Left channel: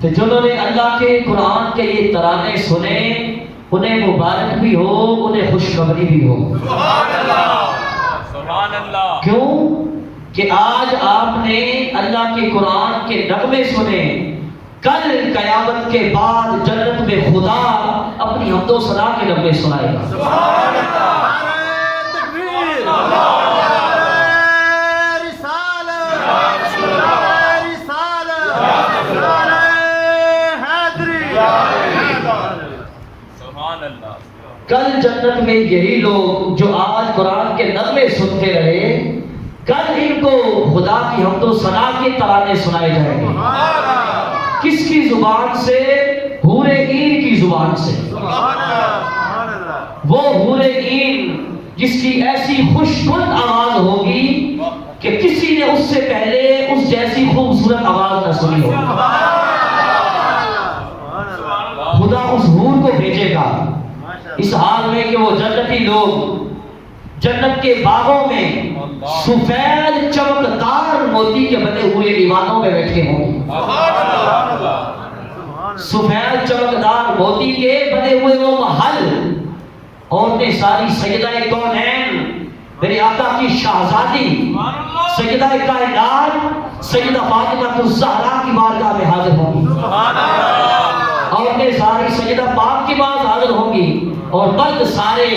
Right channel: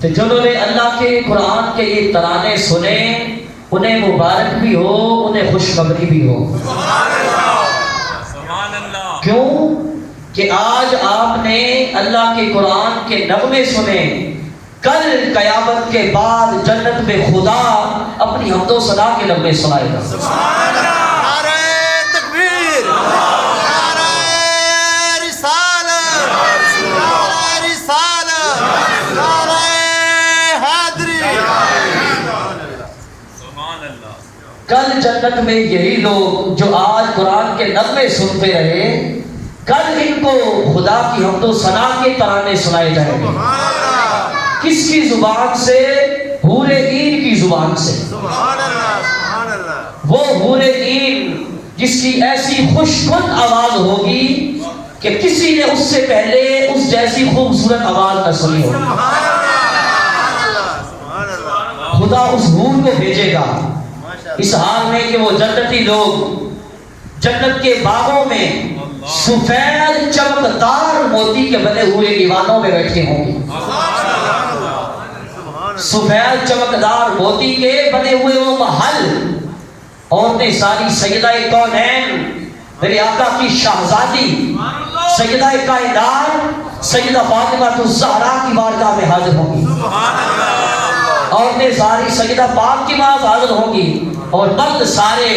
کہ جنہوں نے اللہ کے قرآن کے یہ ترانے سنے انہیں مبارک بھی ہو، انہیں خوشخبری بھی ہو۔ سبحان اللہ۔ کیوں کہ آج آپ نے اللہ کے قرآن کے نغمے سنے، کل قیامت کے بعد جنت میں خدا اپنی حمد و ثنا کے نغمے سنائے گا۔ کل جنت میں یہی لوگ جو آج قرآن کے نغمے سنتے رہے، کل ان کو خدا کی حمد و ثنا کے ترانے سنائے جائیں گے۔ کس کی زبان سے؟ حور عین کی زبان سے۔ وہ حور عین جس کی ایسی خوشگوار آواز ہوگی کہ کسی نے اس سے پہلے اس جیسی خوبصورت آواز نہ سنی ہوگی۔ خدا اس حور کو بھیجے گا اس حال میں کہ وہ جنتی لوگ جنت کے باغوں میں سفید چمکدار موتی کے بنے ہوئے ایوانوں میں بیٹھے ہوں گے۔ سفید چمکدار موتی کے بنے ہوئے وہ محل، عورتیں ساری سیدہ کونین میرے آقا کی شہزادی سیدہ کائنات سیدہ فاطمہ الزہرا کی بارگاہ میں حاضر ہوں گی۔ عورتیں ساری سیدہ پاک کی بات حاضر ہوں گی، اور مرد سارے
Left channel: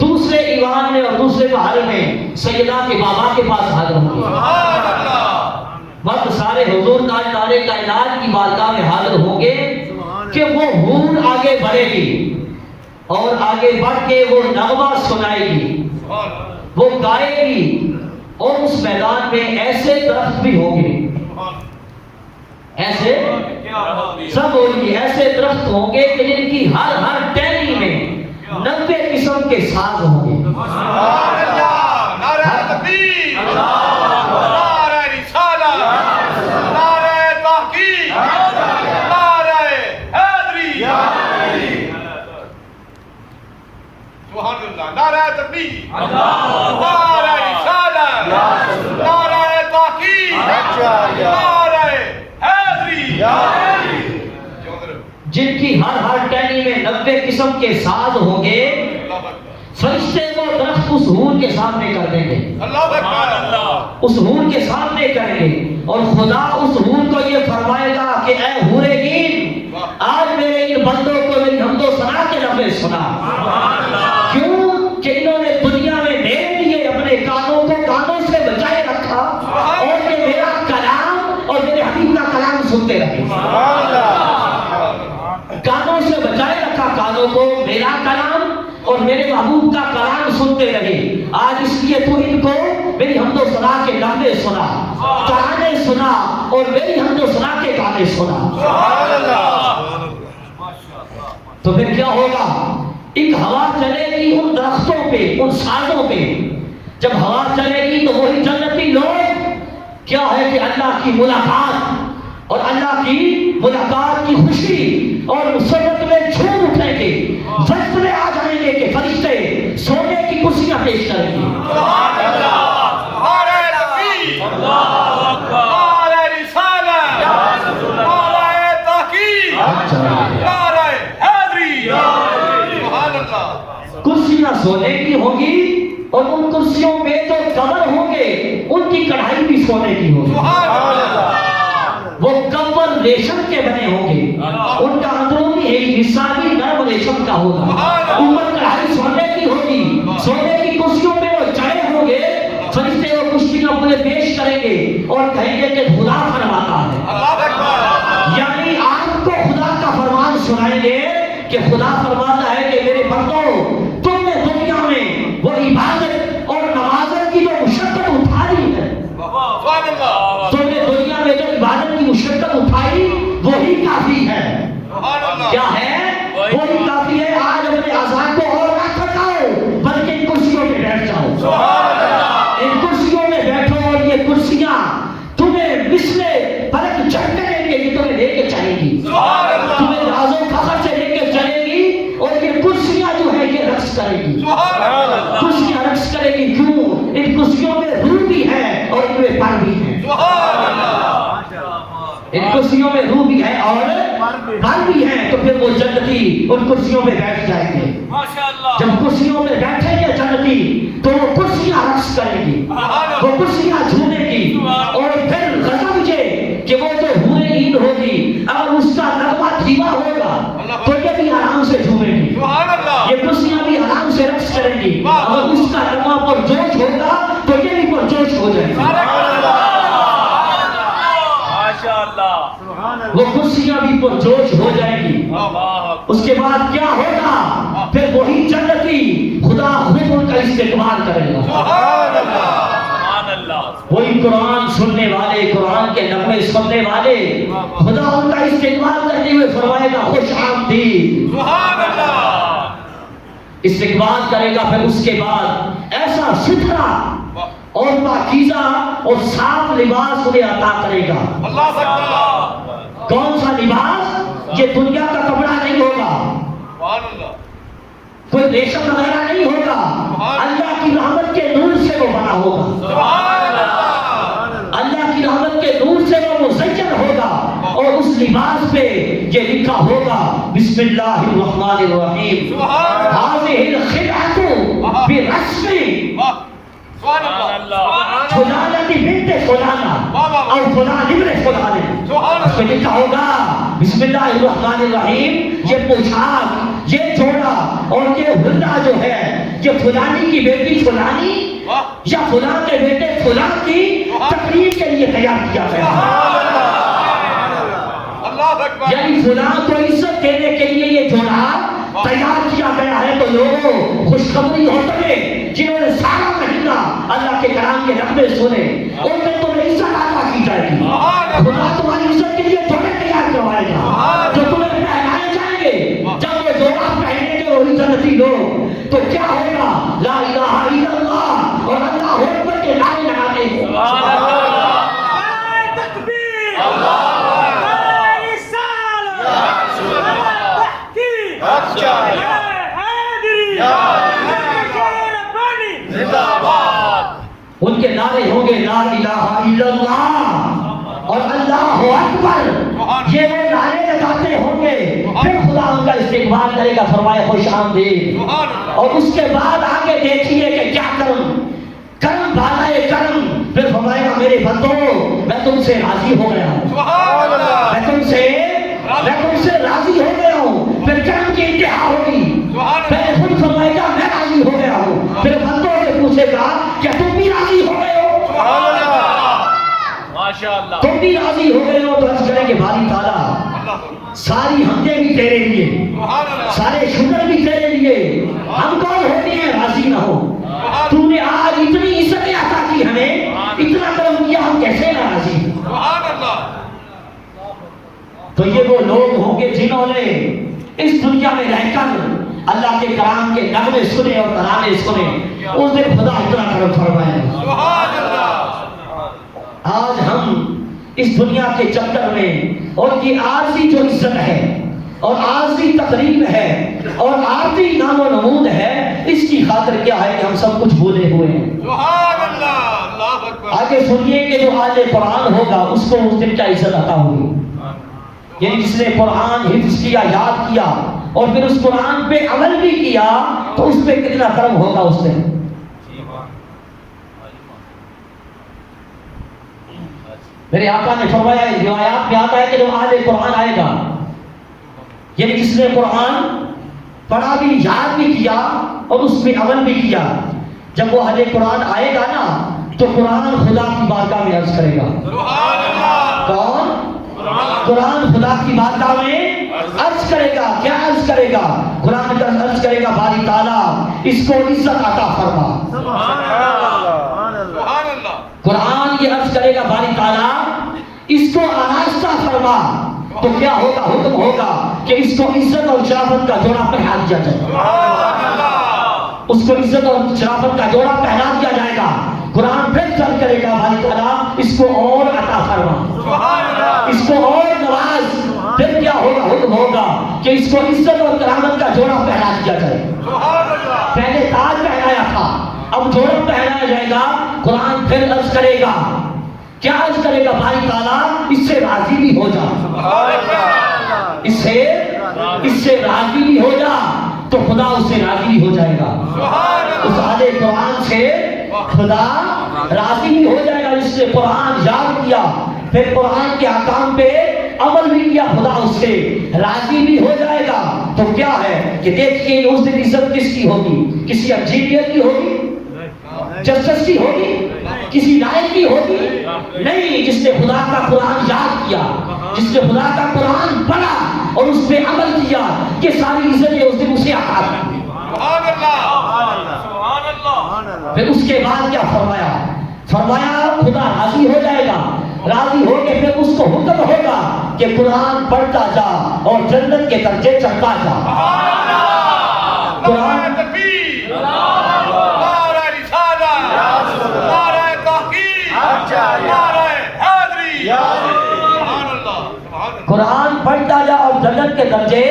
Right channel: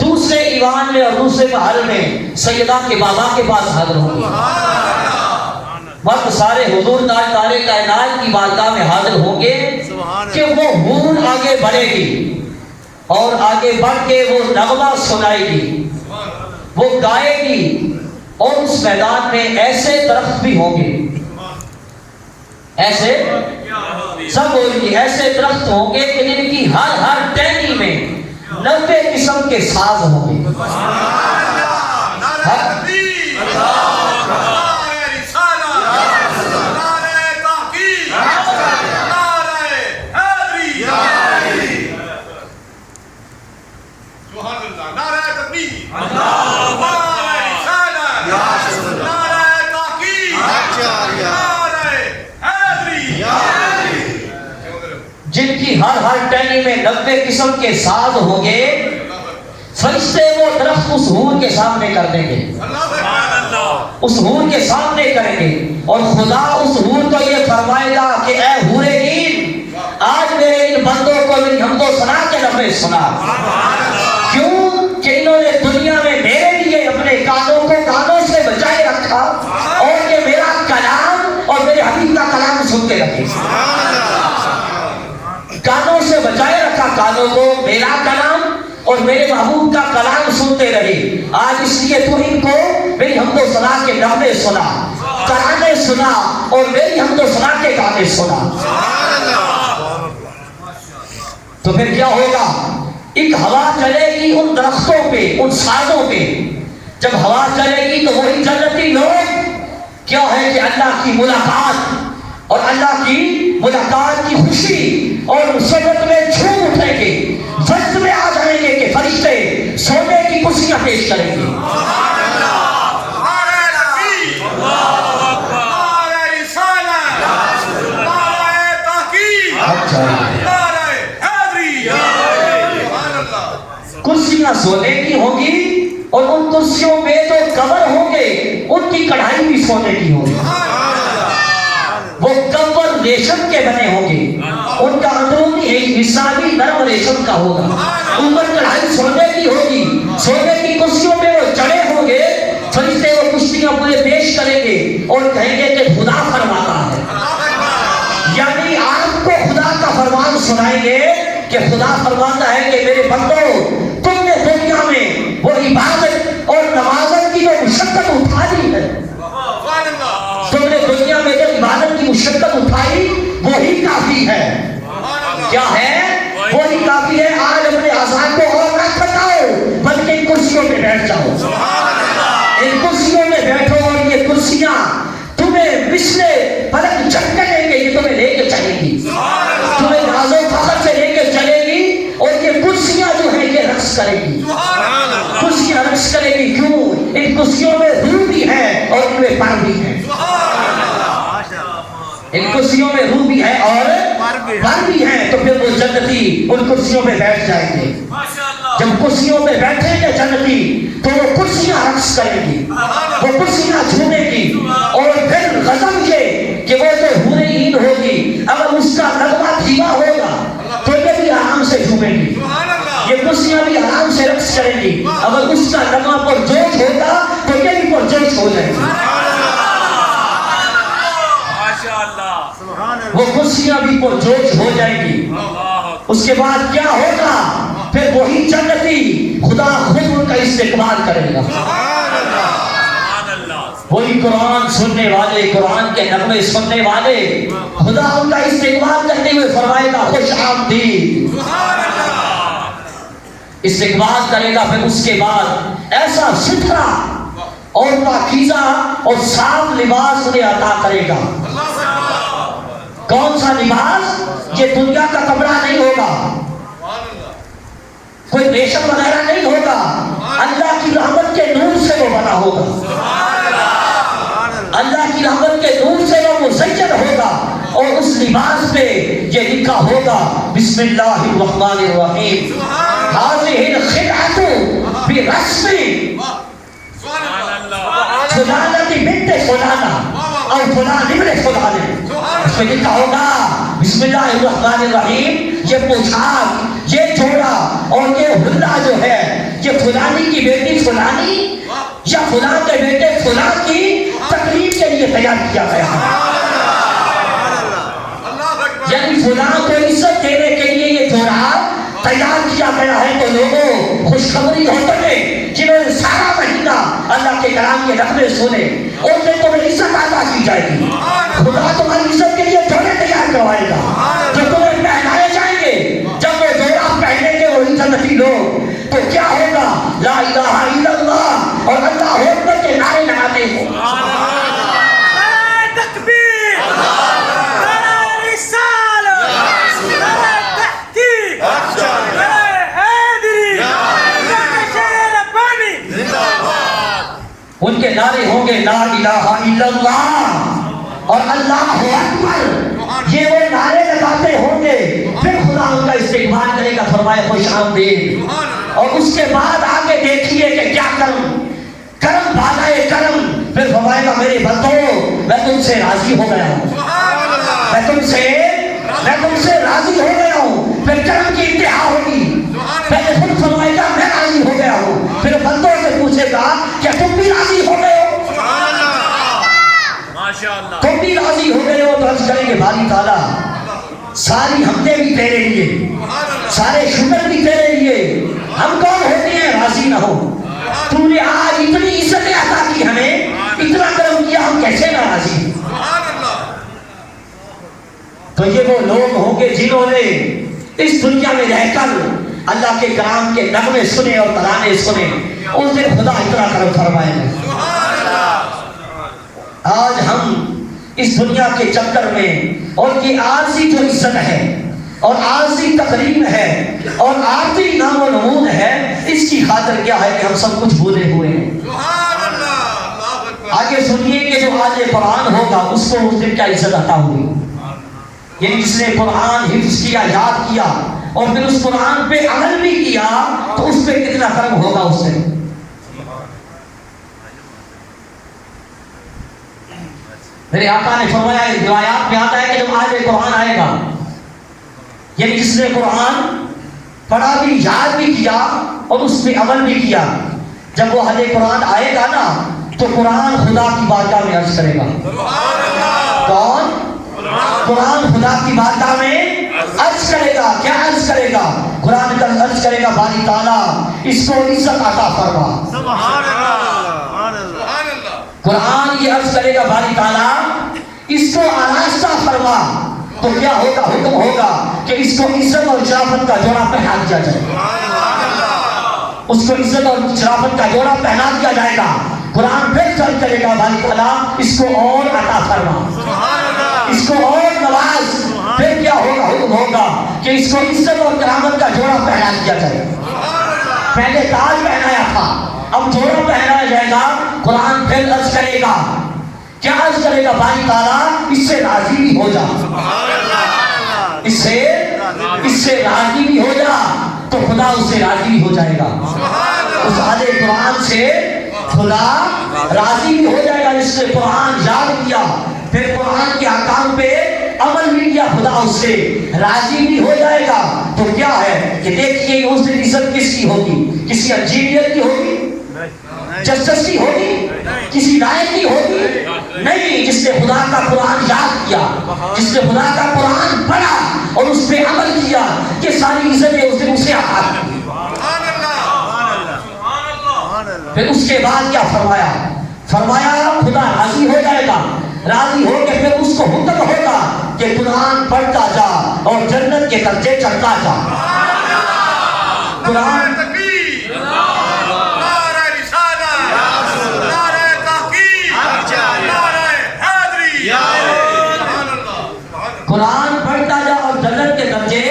دوسرے ایوان میں اور دوسرے محل میں سیدہ کے بابا کے پاس حاضر ہوں گے۔ مرد سارے حضور تاجدار کائنات کی بارگاہ میں حاضر ہوں گے کہ وہ حور آگے بڑھے گی اور آگے بڑھ کے وہ نغمہ سنائے گی، وہ گائے گی، اور اس میدان میں ایسے درخت بھی ہوں گے، ایسے سب ہوگی، ایسے درخت ہوں گے کہ جن کی ہر ٹہنی میں 90 قسم کے ساز ہوں گے۔ جن کی ہر ٹہنی میں 90 قسم کے ساز ہوں گے، فرشتے وہ درخت اس حور کے سامنے کر دیں گے، اس حور کے سامنے کریں گے، اور خدا اس حور کو یہ فرمائے گا کہ اے حور عین، آج میرے ان بندوں کو میری حمد و ثنا کے نغمے سنا۔ کیوں کہ انہوں نے دنیا میں میرے لیے اپنے کانوں کو کانوں سے بچائے رکھا، اور کہ میرا کلام اور میرے حبیب کا کلام سنتے رہے، کانوں سے بچائے رکھا کانوں کو، میرا کلام اور میرے محبوب کا کلام سنتے رہے۔ آج اس لیے تو ان کو میری حمد و ثنا کے نغمے سنا، ترانے سنا، اور میری حمد و ثنا کے گانے سنا۔ تو پھر کیا ہوگا؟ ایک ہوا چلے گی ان درختوں پہ، ان سازوں پہ۔ جب ہوا چلے گی تو وہی جنتی لوگ کیا ہے کہ اللہ کی ملاقات اور اللہ کی ملاقات کی خوشی اور مسرت میں جھوم اٹھیں گے، وقت میں آ جائیں گے کہ فرشتے سونے کی کرسیاں پیش کریں گے۔ کرسیاں سونے کی ہوں گی، اور ان کرسیوں میں جو کور ہوں گے ان کی کڑھائی بھی سونے کی ہوگی۔ وہ کور ریشم کے بنے ہوں گے، ان کا اندرونی ایک حصہ بھی نرم ریشم کا ہوگا، اوپر کڑھائی سونے کی ہوگی۔ سونے کی کرسیوں میں وہ چڑھے ہوں گے، فرشتے وہ کرسیاں پورے پیش کریں گے اور کہیں گے کہ خدا فرماتا ہے، یعنی آپ کو خدا کا فرمان سنائیں گے کہ خدا فرماتا ہے کہ میرے بندوں، تم نے دنیا میں وہ عبادت اور نمازت کی جو مشقت اٹھائی ہے، تم نے دنیا میں جو عبادت کی مشقت اٹھائی وہی کافی ہے۔ کیا ہے؟ وہی کافی ہے۔ آج اپنے آزاد کو اور نہ بتاؤ، بلکہ ان کرسیوں میں بیٹھ جاؤ، ان کرسیوں میں بیٹھو، اور یہ کرسیاں تمہیں مثل فلک جھٹکے دیں گے، یہ تمہیں لے کے چلیں گی، تمہیں ناز و فخر سے لے کے چلے گی، اور یہ کرسیاں جو ہیں یہ رقص کریں گی، کرسیاں رقص کریں گی۔ کیوں؟ ان کرسیوں میں روح بھی ہے اور ان میں پار بھی ہے، ان کرسیوں میں روح بھی ہے اور پر بھی ہیں تو پھر وہ جنتی ان کرسیوں پہ بیٹھ جائیں گے. جب کرسیوں پہ بیٹھیں گے جنتی تو وہ کرسیاں رقص کریں گی, وہ کرسیاں جھومیں گی, اور پھر غضب یہ کہ وہ جو حور عین ہوگی اگر اس کا نغمہ دھیما ہوگا تو یہ بھی آرام سے جھومیں گی, یہ کرسیاں بھی آرام سے رقص کریں گی. اگر اس کا نغمہ پرجوش ہوگا تو یہ بھی پرجوش ہو جائے گا. وہ کرسیاں بھی پرجوش ہو جائیں گی. اس کے بعد کیا ہوگا؟ پھر وہی جنتی خدا خود ان کا استقبال کرے گا. وہی قرآن سننے والے, قرآن کے نغمے سننے والے, خدا ان کا استقبال کرتے ہوئے فرمائے گا خوش آمدید, استقبال کرے گا. پھر اس کے بعد ایسا ستھرا اور پاکیزہ اور صاف لباس انہیں عطا کرے گا. کون سا لباس؟ یہ دنیا کا کپڑا نہیں ہوگا, کوئی ریشم وغیرہ نہیں ہوگا, اللہ کی رحمت کے نور سے وہ بنا ہوگا, اللہ کی رحمت کے نور سے وہ مزین ہوگا. اور اس لباس پہ یہ لکھا ہوگا بسم اللہ الرحمن الرحیم هذه الخدعة برسم فلانا کی بنت فلانا اور فلان ابن فلانے. اس پہ لکھا ہوگا بسم اللہ الرحمن الرحیم, یہ پوشاک, یہ جوڑا اور یہ حلہ جو ہے یہ فلانی کی بیٹی فلانی یا فلان کے بیٹے فلان کی تقریب کے لیے تیار کیا گیا ہے. یعنی فلان کو عزت دینے کے لیے یہ جوڑا تیار کیا گیا ہے. تو لوگوں خوشخبری ہو تمہیں جنہوں نے سارا مہینہ اللہ کے کلام کے نغمے سنے, ان میں تمہیں عزت عطا کی جائے گی. خدا تمہاری عزت کے لیے جوڑے تیار کروائے گا جو تمہیں پہنائے جائیں گے. جب وہ جوڑا پہنیں گے وہ جنتی لوگ تو کیا ہوگا؟ لا الہ الا اللہ اور اللہ اکبر کے نعرے لگاتے ہیں. ان کے نعرے ہوں گے لا الہ الا اللہ اور اللہ اکبر, یہ وہ نعرے لگاتے ہوں گے. پھر خدا ان کا استقبال کرے گا, فرمائے خوش آمدید. اور اس کے بعد آگے دیکھیے کہ کیا کرم کرم بھاگائے کرم. پھر فرمائے گا میرے بندو میں تم سے راضی ہو گیا ہوں, میں تم سے راضی ہو گیا ہوں. پھر کرم کی انتہا ہوگی, پہلے خود فرمائے گا میں راضی ہو گیا ہوں, پھر بندوں سے پوچھے گا کہ تم بھی راضی ہو گئے ہو, تم بھی راضی ہو گئے ہو. تو عرض کریں گے باری تعالیٰ ساری حمدیں بھی تیرے لیے, سارے شکر بھی تیرے لیے, ہم کون ہوتے ہیں راضی نہ ہو. تم نے آج اتنی عزت عطا کی ہمیں, اتنا کرم کیا, ہم کیسے ناراضی. تو یہ وہ لوگ ہوں گے جنہوں نے اس دنیا میں رہ کر اللہ کے کلام کے نغمے سنے اور ترانے سنے, اس دن خدا اتنا کرم فرمائے. آج ہم اس دنیا کے چکر میں اور یہ عارضی جو عزت ہے اور عارضی تقریب ہے اور عارضی نام و نمود ہے, اس کی خاطر کیا ہے کہ ہم سب کچھ بھولے ہوئے ہیں. آگے سنیے کہ جو آج قرآن ہوگا اس کو اس دن کیا عزت عطا ہوگی. یعنی جس نے قرآن حفظ کیا, یاد کیا اور پھر اس قرآن پہ عمل بھی کیا تو اس پہ کتنا کرم ہوگا اس سے. میرے آقا نے فرمایا ہے, روایات میں آتا ہے کہ جب آج قرآن آئے گا, یعنی جس نے قرآن پڑھا بھی, یاد بھی کیا اور اس میں عمل بھی کیا, جب وہ حج قرآن آئے گا نا تو قرآن خدا کی بارگاہ میں عرض کرے گا. کون؟ قرآن خدا کی بارگاہ میں عرض کرے گا. کیا عرض کرے گا؟ قرآن کا عرض کرے گا باری تعالیٰ اس کو عزت عطا فرما. سبحان اللہ. قرآن یہ عرض کرے گا باری تعالیٰ اس کو آراستہ فرما. تو کیا ہوگا؟ حکم ہوگا کہ اس کو عزت اور شرافت کا جوڑا پہنا دیا جائے. اس کو عزت اور شرافت کا جوڑا پہنا دیا جائے گا. قرآن پھر چل کرے گا باری تعالیٰ اس کو اور عطا فرما, اس کو اور نواز. پھر کیا ہوگا؟ حکم ہوگا کہ اس کو عزت اور کرامت کا جوڑا پہنا دیا جائے. پہلے تاج پہنایا تھا, اب جوڑا پہنایا جائے گا. قرآن پھر عرض کرے گا, کیا عرض کرے گا باری تعالیٰ اس سے راضی بھی ہو جا. اس سے راضی بھی ہو جا تو خدا اس سے راضی بھی ہو جائے گا. اس آیت قرآن سے خدا راضی بھی ہو جائے گا. جس نے قرآن یاد کیا پھر قرآن کے احکام پہ عمل بھی کیا خدا اس سے راضی بھی ہو جائے گا. تو کیا ہے کہ دیکھیے اس دن عزت کس کی ہوگی؟ کسی انجینئر کی ہوگی؟ جسٹس کی ہوگی؟ کسی رائے کی ہوگی؟ نہیں. جس نے خدا کا قرآن یاد کیا, جس نے خدا کا قرآن پڑھا اور اس پہ عمل کیا, کہ ساری عزتیں اس دن اسے عطا کی. پھر اس کے بعد کیا فرمایا خدا راضی ہو جائے گا. راضی ہو کے پھر اس کو حکم ہوگا کہ قرآن پڑھتا جا اور جنت کے درجے چڑھتا جا. قرآن پڑھتا جا اور جنت کے درجے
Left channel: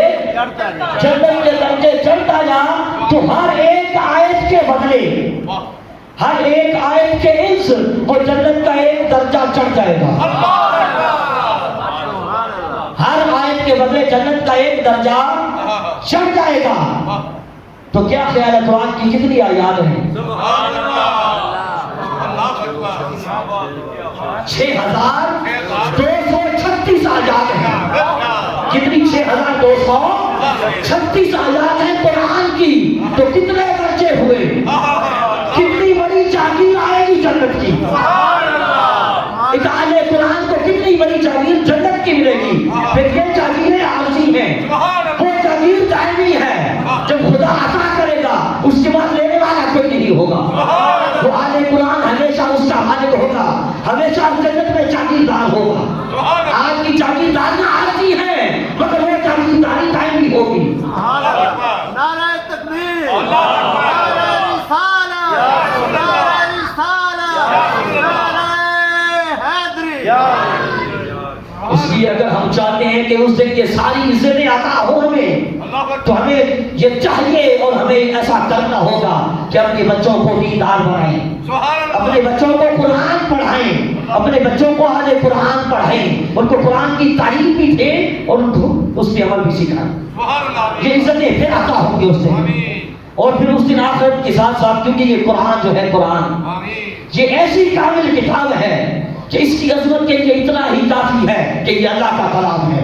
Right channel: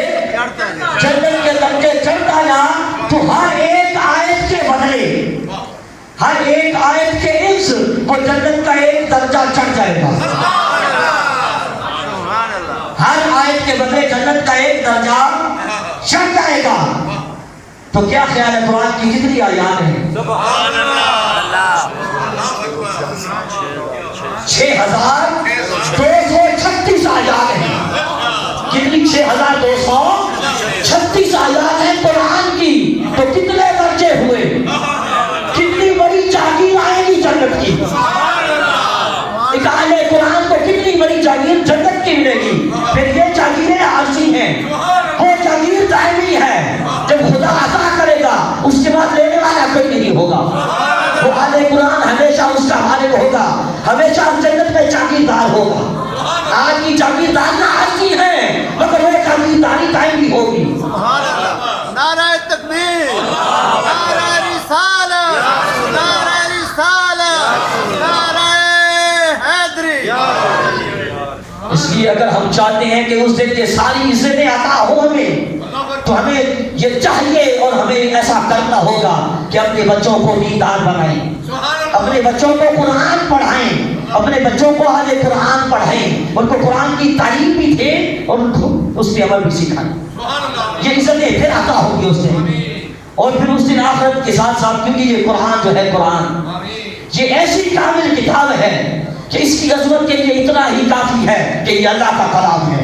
چڑھتا جا. تو ہر ایک آیت کے بدلے, ہر ایک آیت کے عوض وہ جنت کا ایک درجہ چڑھ جائے گا. ہر آیت کے بدلے جنت کا ایک درجہ چڑھ جائے گا. تو کیا خیال ہے قرآن کی کتنی آیات ہیں؟ 6236 آیات ہیں. کتنی 6236 آیات ہیں قرآن کی. تو کتنے درجے ہوئے؟ کتنی بڑی جاگیر آئے گی جنت کی. اہل قرآن کو کتنی بڑی جاگیر جنت کی ملے گی. پھر یہ جاگیریں عارضی ہیں, وہ جاگیر دائمی ہے. جب خدا عطا کرے گا اس کے بعد لینے والا کوئی نہیں ہوگا. اہل قرآن ہمیشہ اس کا مالک ہوگا, ہمیشہ جنت میں جاگیردار ہوگا. آج کی جاگیردار عارضی ہے مگر وہ جاگیرداری دائمی ہوگی. نعرہ تکبیر, نعرہ رسالت, نعرہ رسالت, نعرہ حیدری. اس لیے اگر ہم چاہتے ہیں کہ اس دن کے ساری عزتیں عطا ہوں ہمیں, تو ہمیں یہ چاہیے اور ہمیں ایسا کرنا ہوگا کہ اپنے بچوں کو دیندار بنائیں, اپنے بچوں کو قرآن پڑھائیں, اپنے بچوں کو اہل قرآن پڑھائیں, ان کو قرآن کی تعلیم بھی دیں اور ان کو اس پہ عمل بھی سکھائیں. یہ عزتیں پھر عطا ہوں گے اس دن. اور پھر اس دن آخرت کے ساتھ ساتھ, کیونکہ یہ قرآن جو ہے قرآن یہ ایسی کامل کتاب ہے کہ اس کی عظمت کے لیے اتنا ہی کافی ہے کہ یہ اللہ کا کلام ہے.